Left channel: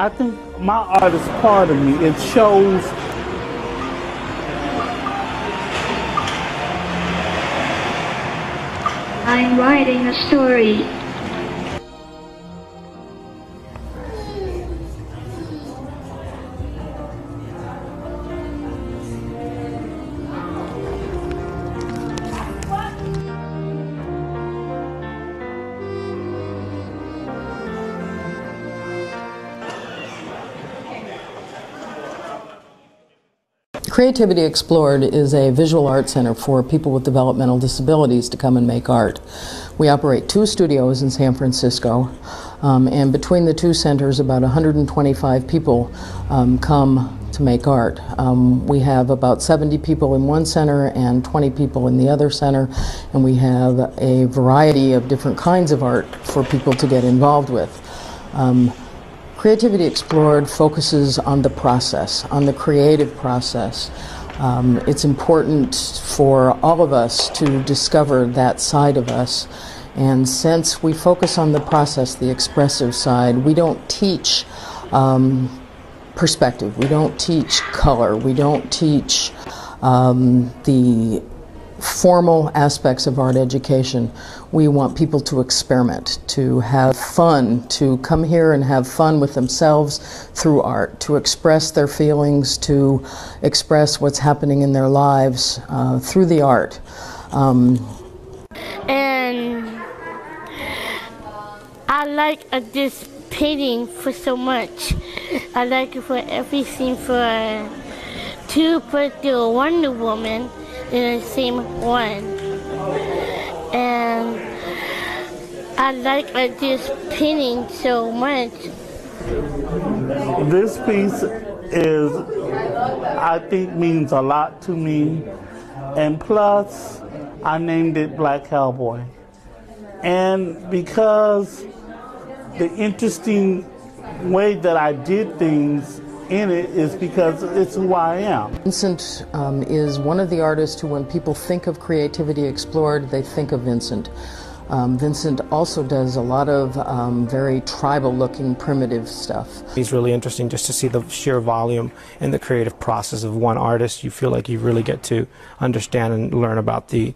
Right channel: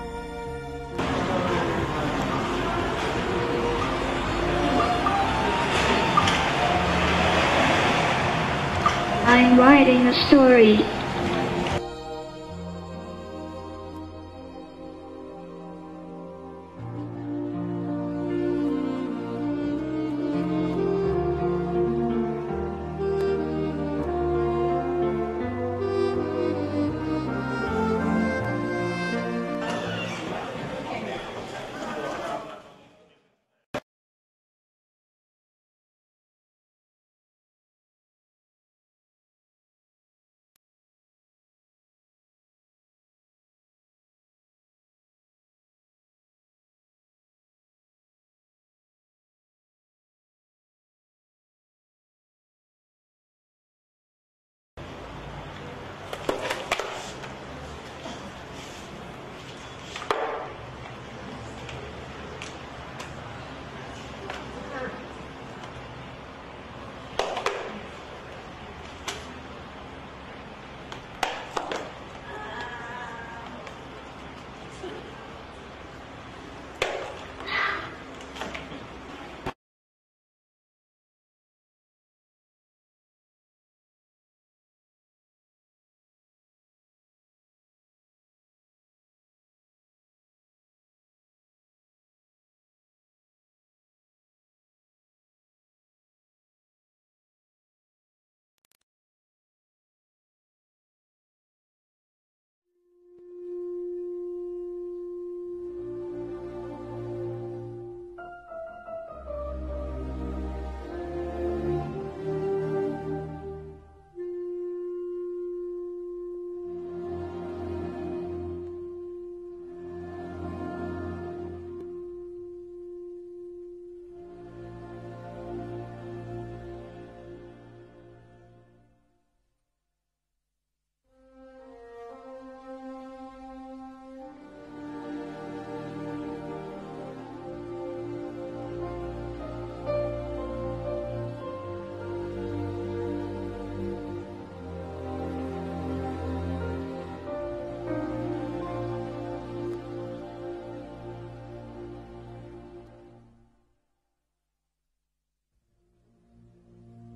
I think my art is part of me. It shows I'm writing a story. Creativity Explored is a visual art center for people with developmental disabilities to come and make art. We operate 2 studios in San Francisco, and between the 2 centers about 125 people come to make art. We have about 70 people in one center and 20 people in the other center, and we have a variety of different kinds of art for people to get involved with. Creativity Explored focuses on the process, on the creative process. It's important for all of us to discover that side of us. And since we focus on the process, the expressive side, we don't teach perspective, we don't teach color, we don't teach the formal aspects of art education. We want people to experiment, to have fun, to come here and have fun with themselves through art, to express their feelings, to express what's happening in their lives through the art. And I like this painting for so much. I like it for every scene, to put the Wonder Woman in the same one. And I like this painting so much. this piece is, I think, means a lot to me. And plus, I named it Black Cowboy. And because the interesting way that I did things in it is because it's who I am. Vincent is one of the artists who, when people think of Creativity Explored, they think of Vincent. Vincent also does a lot of very tribal-looking, primitive stuff. It's really interesting just to see the sheer volume and the creative process of one artist. You feel like you really get to understand and learn about the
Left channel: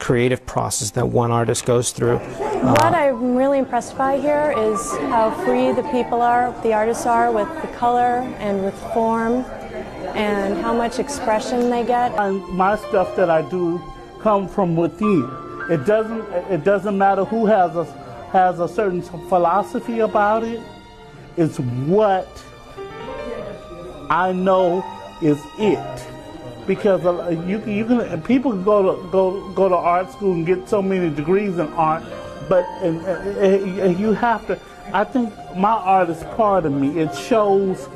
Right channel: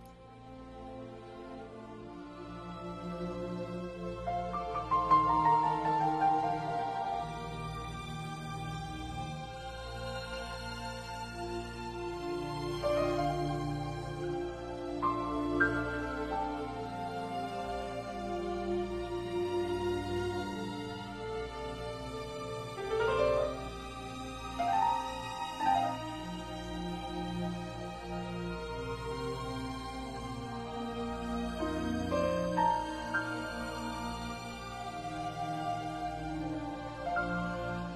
creative process that one artist goes through. What I'm really impressed by here is how free the people are, the artists are, with the color and with form, and how much expression they get. My stuff that I do come from within. It doesn't matter who has a certain philosophy about it. It's what I know is it. Because people can go to art school and get so many degrees in art, but and you have to. I think my art is part of me. It shows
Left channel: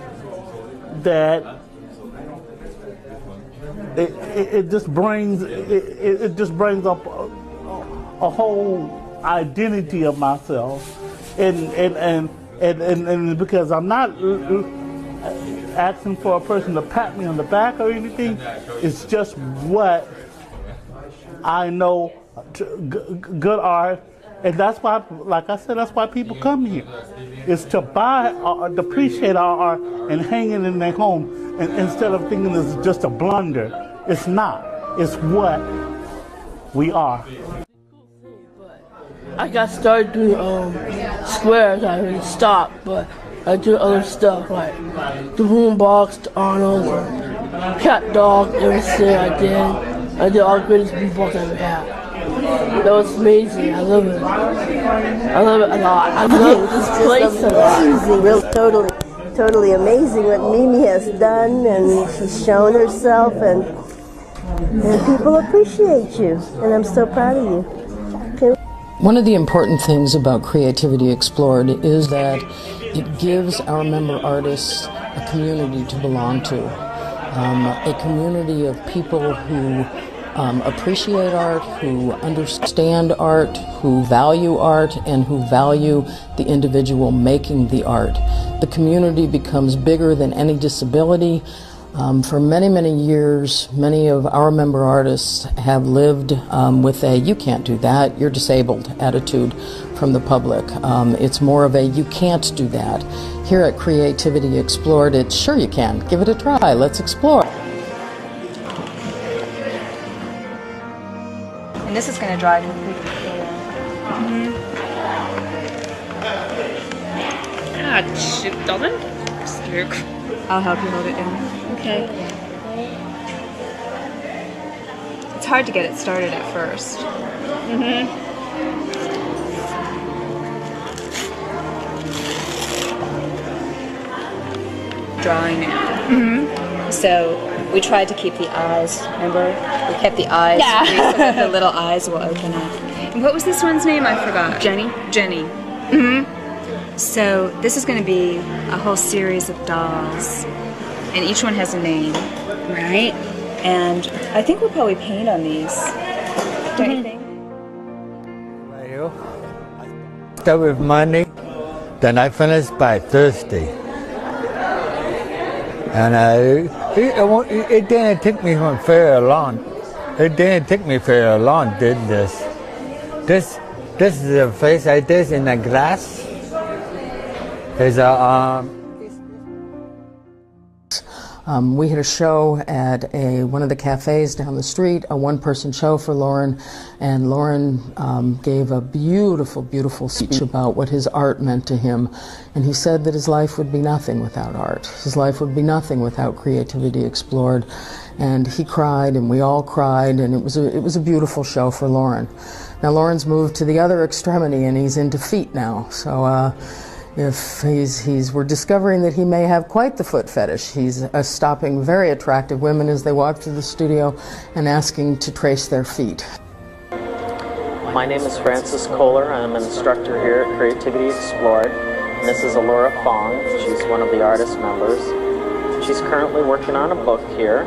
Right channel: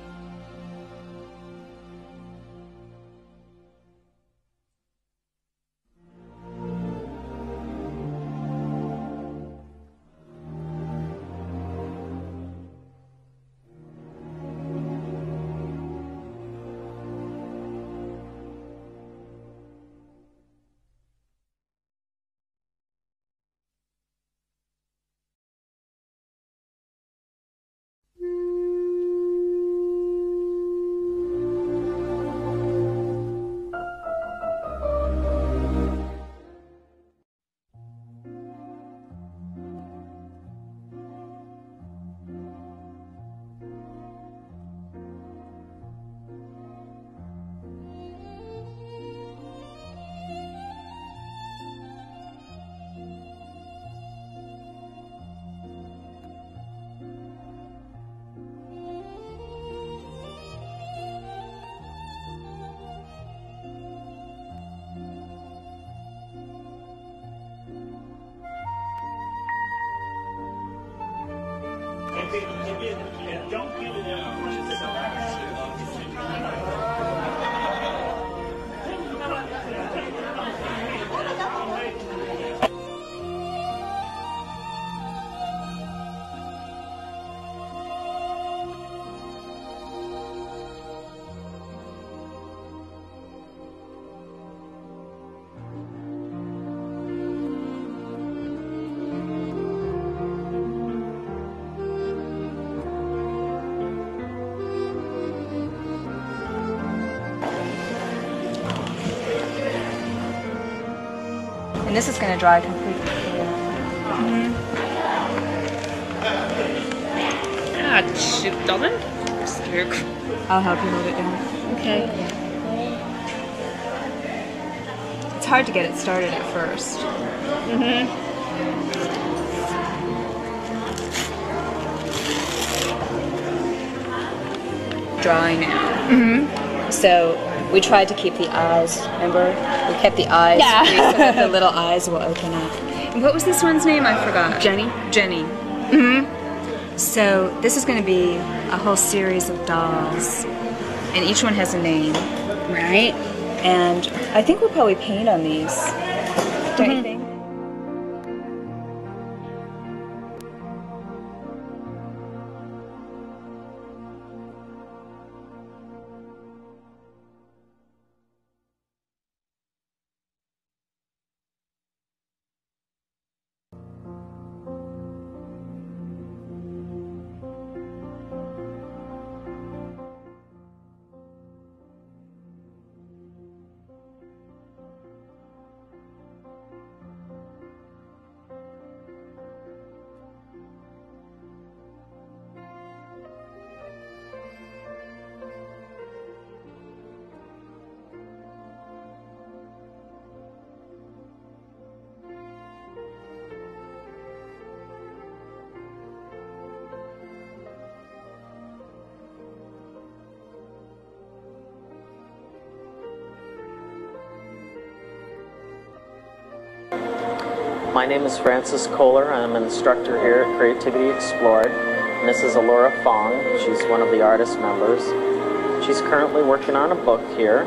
that it just brings up a whole identity of myself, and because I'm not asking for a person to pat me on the back or anything. It's just what I know, good art, and that's why, like I said, that's why people come here. It's to buy or to appreciate our art and hang it in their home, and instead of thinking it's just a blunder. It's not. It's what we are. I got started doing squares. I already stopped, but I do other stuff like the boombox, the Arnold, cat dog, everything I did. I did all the greatest boombox I ever had. That was amazing. I love it. I love it a lot. I love this place a lot. Amazing, really, totally amazing what Mimi has done, and she's shown herself, and people appreciate you, and I'm so proud of you. Okay. One of the important things about Creativity Explored is that it gives our member artists a community to belong to, a community of people who appreciate art, who understand art, who value art, and who value the individual making the art. The community becomes bigger than any disability. For many, many years, many of our member artists have lived with a "you can't do that, you're disabled" attitude from the public. It's more of a, you can't do that. Here at Creativity Explored, it's sure you can. Give it a try. Let's explore. And this is going to dry completely clear. Ah, shoot, darling. I'll help you hold it down. Okay. It's hard to get it started at first. Dry now. So we tried to keep the eyes, remember? We kept the eyes free so that the little eyes will open up. And what was this one's name? I forgot. Jenny. Jenny. So this is going to be a whole series of dolls, and each one has a name. Right. And I think we'll probably paint on these. Don't you think? Start with Monday, then I finish by Thursday. And it didn't take me very long. It didn't take me very long to do this. This is the face I did in the glass. There's a we had a show at one of the cafes down the street, a one-person show for Lauren, and Lauren gave a beautiful, beautiful speech about what his art meant to him, and he said that his life would be nothing without art. His life would be nothing without Creativity Explored, and he cried, and we all cried, and it was a beautiful show for Lauren. Now Lauren's moved to the other extremity, and he's into feet now, so if we're discovering that he may have quite the foot fetish. He's stopping very attractive women as they walk through the studio and asking to trace their feet. My name is Francis Kohler. I'm an instructor here at Creativity Explored. And this is Alora Fong. She's one of the artist members. She's currently working on a book here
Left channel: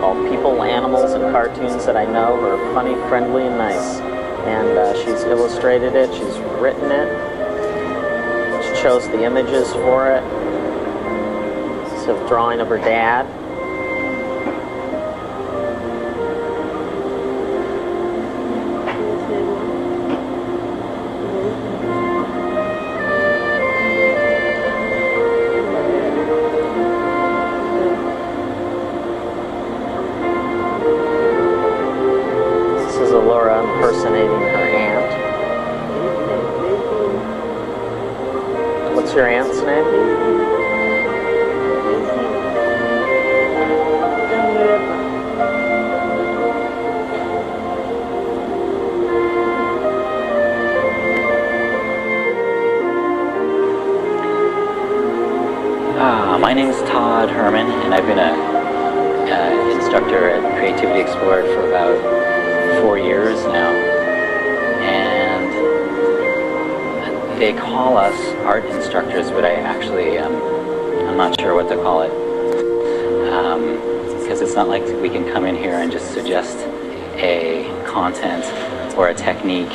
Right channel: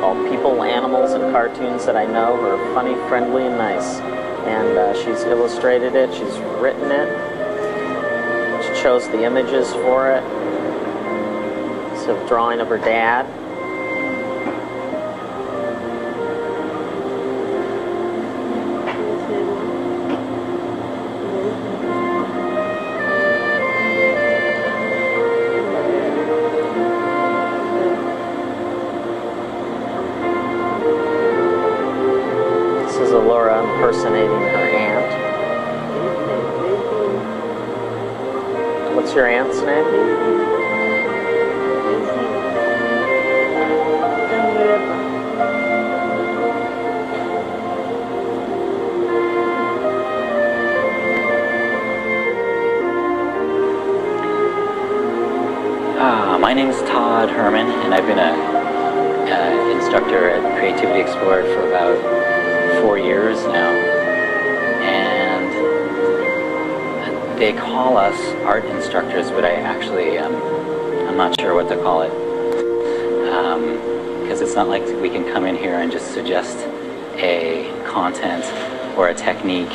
called People, Animals, and Cartoons That I Know Are Funny, Friendly, and Nice. And she's illustrated it, she's written it, she chose the images for it. It's a drawing of her dad. This is Alora impersonating her aunt. What's your aunt's name? My name is Todd Herman, and I've been an instructor at Creativity Explored for about 4 years now. And they call us art instructors, but I actually, I'm not sure what to call it. Because it's not like we can come in here and just suggest a content or a technique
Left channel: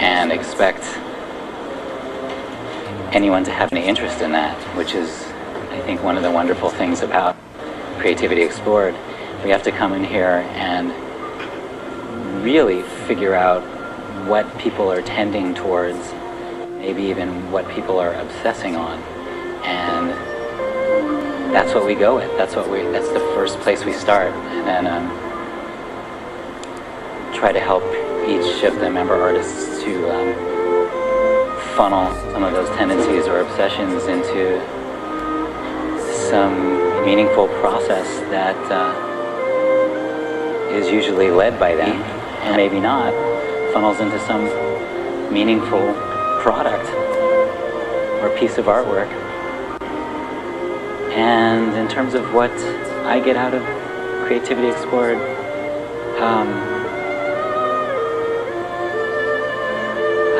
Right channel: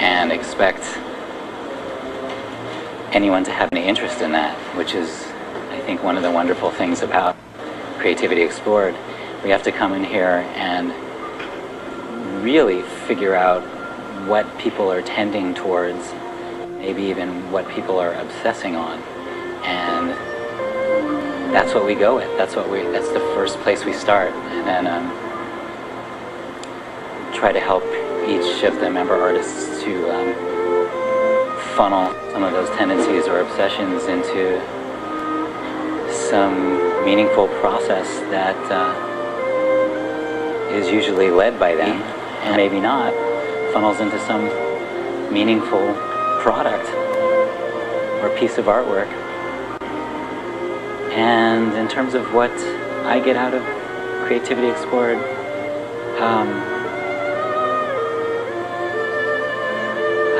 and expect anyone to have any interest in that, which is, I think, one of the wonderful things about Creativity Explored. We have to come in here and really figure out what people are tending towards, maybe even what people are obsessing on, and that's what we go with. That's the first place we start, and then try to help each of the member artists to funnel some of those tendencies or obsessions into some meaningful process that is usually led by them, and maybe not, funnels into some meaningful product or piece of artwork. And in terms of what I get out of Creativity Explored,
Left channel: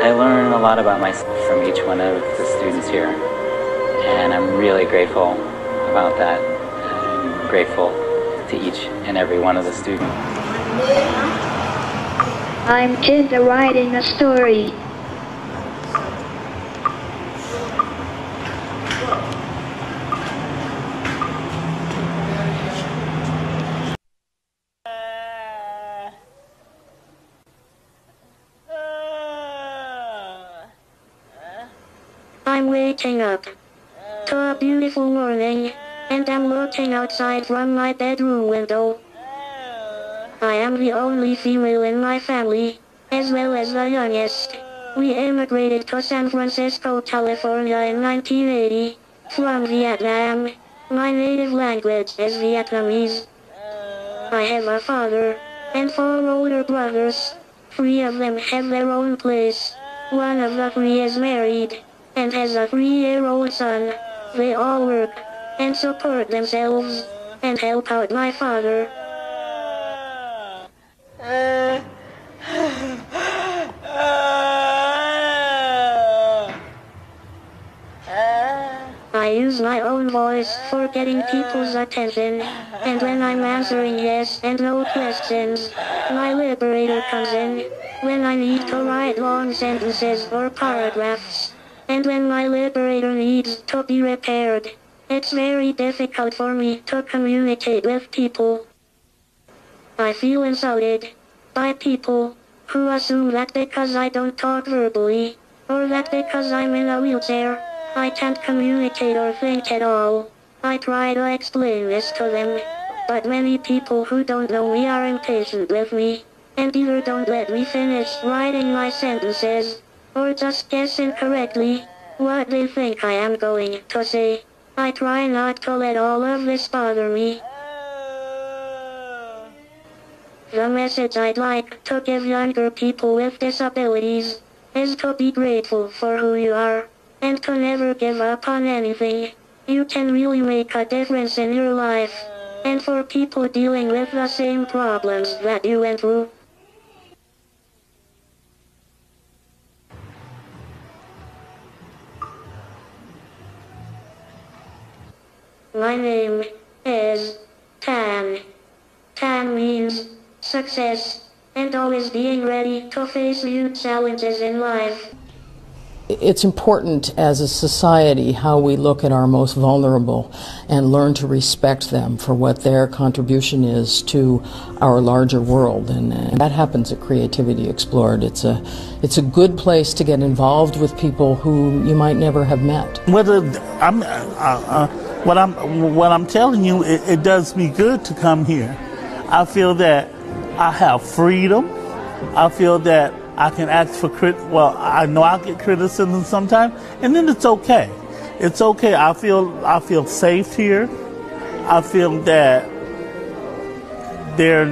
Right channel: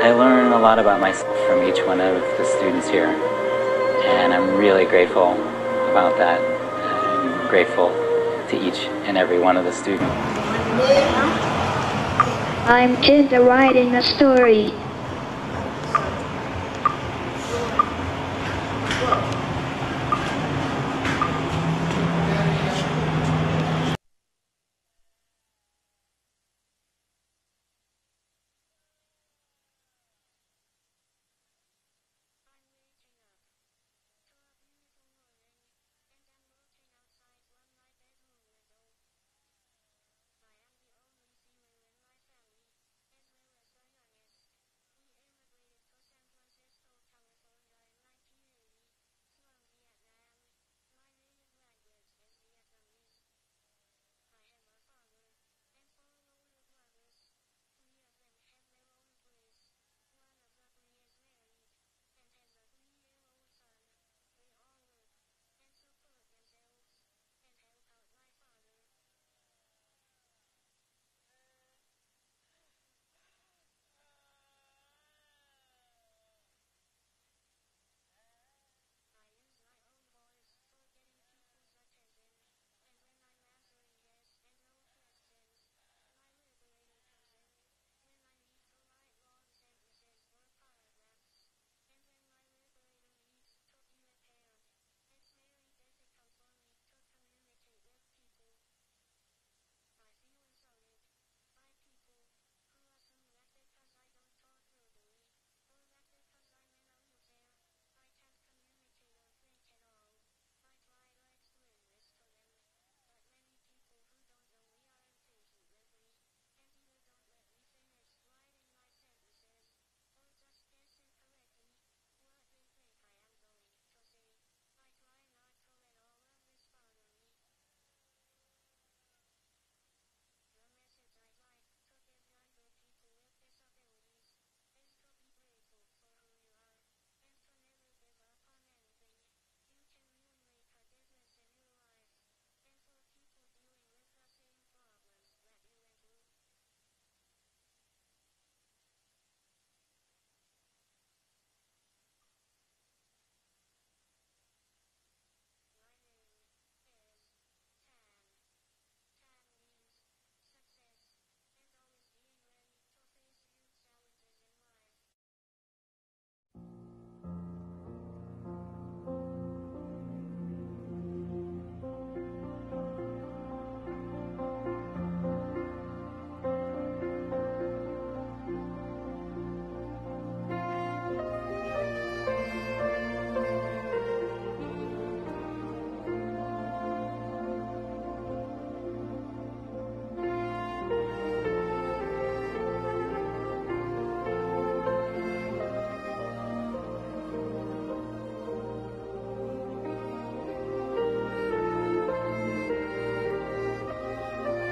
I learn a lot about myself from each one of the students here, and I'm really grateful about that. I'm grateful to each and every one of the students. I'm just writing a story. waking up to a beautiful morning, and I'm looking outside from my bedroom window. I am the only female in my family, as well as the youngest. We immigrated to San Francisco, California in 1980, from Vietnam. My native language is Vietnamese. I have a father, and 4 older brothers. 3 of them have their own place. 1 of the 3 is married, and has a 3-year-old son. They all work, and support themselves, and help out my father. I use my own voice for getting people's attention, and when I'm answering yes and no questions, my liberator comes in. When I need to write long sentences or paragraphs, and when my liberator needs to be repaired, it's very difficult for me to communicate with people. I feel insulted by people who assume that because I don't talk verbally, or that because I'm in a wheelchair, I can't communicate or think at all. I try to explain this to them, but many people who don't know me are impatient with me, and either don't let me finish writing my sentences, or just guess incorrectly what they think I am going to say. I try not to let all of this bother me. The message I'd like to give younger people with disabilities is to be grateful for who you are, and to never give up on anything. You can really make a difference in your life, and for people dealing with the same problems that you went through. My name is Thanh. Thanh means success, and always being ready to face new challenges in life. It's important as a society how we look at our most vulnerable and learn to respect them for what their contribution is to our larger world, and that happens at Creativity Explored. It's a good place to get involved with people who you might never have met. What I'm telling you, it does me good to come here. I feel that I have freedom. I feel that I can ask for I know I get criticism sometimes, and then it's okay. It's okay. I feel safe here. I feel that they're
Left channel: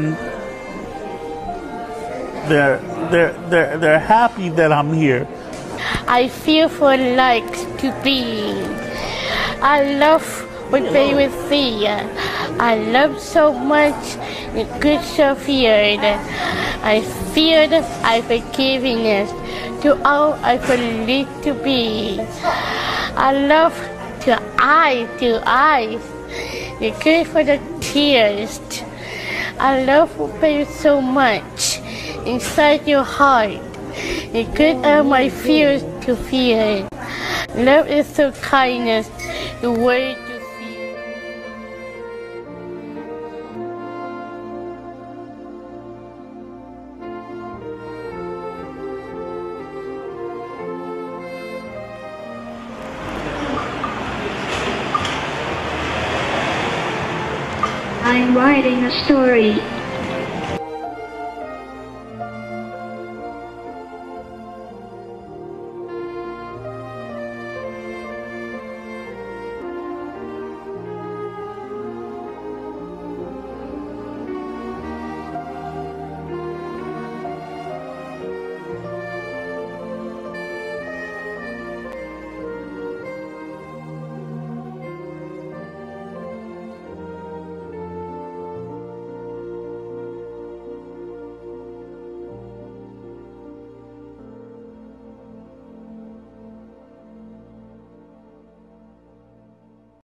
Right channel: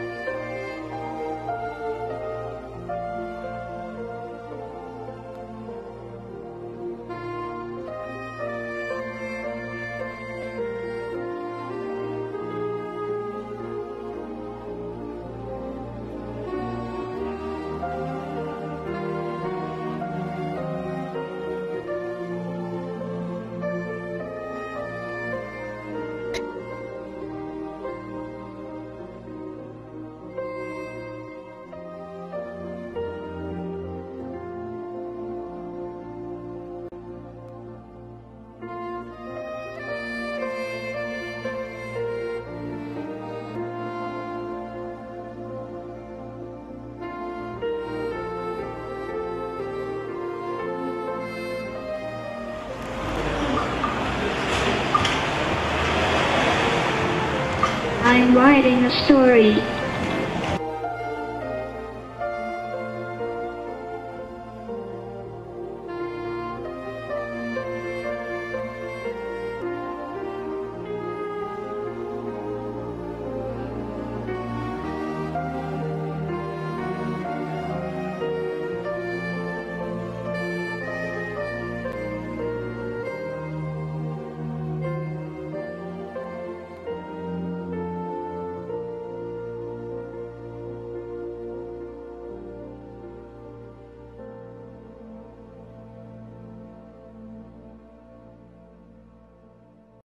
happy that I'm here. I feel for like to be. I love what they would see. I love so much the good stuff here that I feel that I forgiveness to all I believe to be. I love to eyes, the good for the tears. I love you so much inside your heart. The good of my fears to feel. Love is so kindness, the way to I'm writing a story.